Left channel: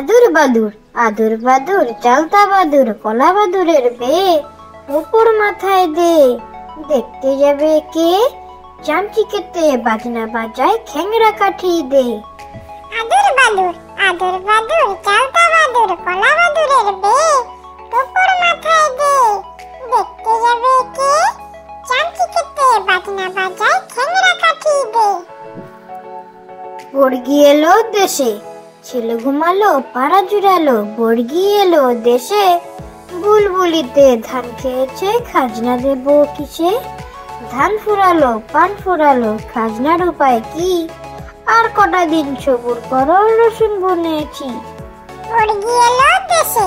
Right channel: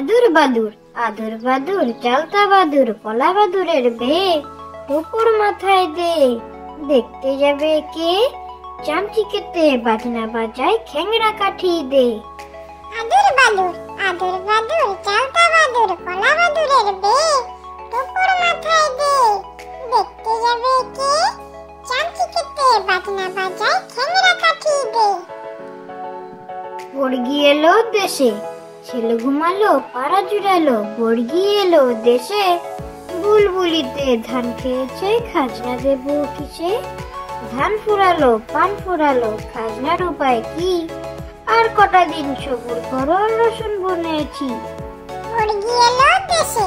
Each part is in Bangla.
আদুর বাদুর আদুর বাদুর চালতা বাদুর কলা বাদুরের বে উপর মাথায় দে দেখতে যাবে কে চামচি কেটে বাজনা বাজায় খ্যাংরা কাঠি দে আদুর বাদুর চালতা বাদুর কলা বাদুরের বে উপর মাথায় দে দেখতে যাবে কে চামচি কেটে বাজনা বাজায় খ্যাংরা কাঠি দে বর্গি এলো দেশে ছেলে ঘুমালো পাড়া জুড়ালো বর্গি এলো দেশে বুলবুলিতে ধান খেয়েছে খাজনা দেব কিসে ধান ফুরালো পান ফুরালো খাজনার উপায় কি আর কটা দিন সবুর করো রসুন বুনেছি বর্গি এলো দেশে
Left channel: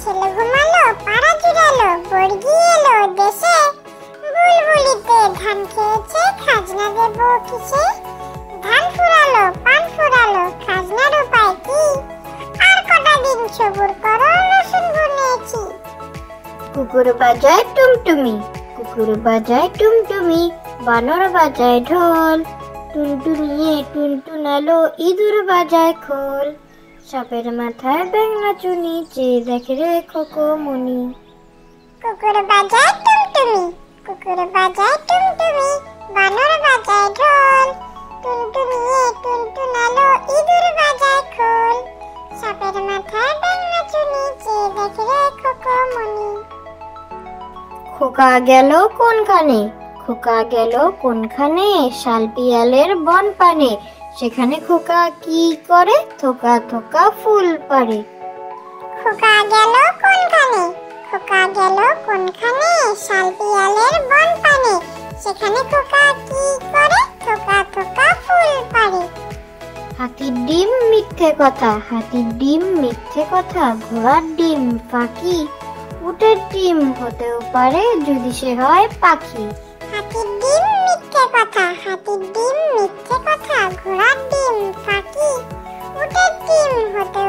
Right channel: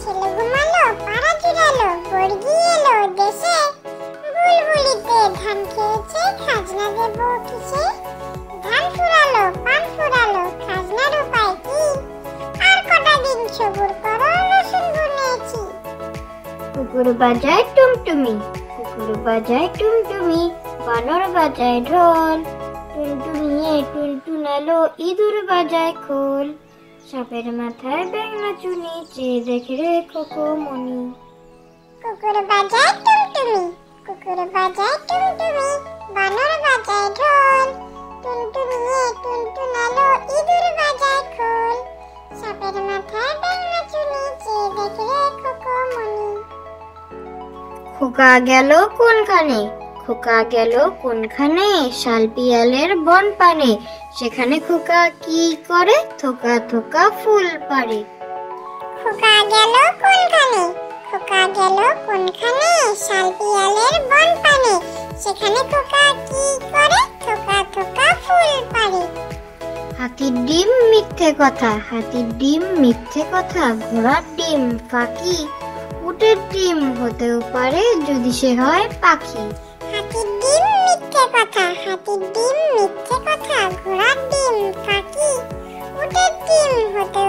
ছেলে ঘুমালো পাড়া জুড়ালো বর্গি এলো দেশে বুলবুলিতে ধান খেয়েছে খাজনা দেব কিসে ধান ফুরালো পান ফুরালো খাজনার উপায় কি আর কটা দিন সবুর করো রসুন বুনেছি কুকুর বাজায় টুমটুমি কুকুর বাজায় টুমটুমি বানর বাজায় ঢোল টুনটুনিয়ে টুনটুনালো ইঁদুর বাজায় খোল সাপের মাথায় ব্যাঙ নাচু নিচে দেখে রে খোকমনি কুকুর বাজায় টুমটুমি বানর বাজায় ঢোল টুনটুনিয়ে টুনটুনালো ইঁদুর বাজায় খোল সাপের মাথায় ব্যাঙ নাচু নিচে দেখে রে খোকমনি খোকা গেল কোনখানে খোকা গেল কোনখানে শাল পিয়ালের বন পানে সেখানে খোকা কি করে থোকা থোকা ফুল পারে খোকা গেল কোনখানে শাল পিয়ালের বন পানে সেখানে খোকা কি করে থোকা থোকা ফুল পারে হাতির ডিম মিথ্যে কথা ঘোড়ার ডিম ফাঁকি উটের ডিম হতেও পারে যদি সে হয় পাখি হাতির ডিম মিথ্যে কথা ঘোড়ার ডিম ফাঁকি উটের ডিম হতে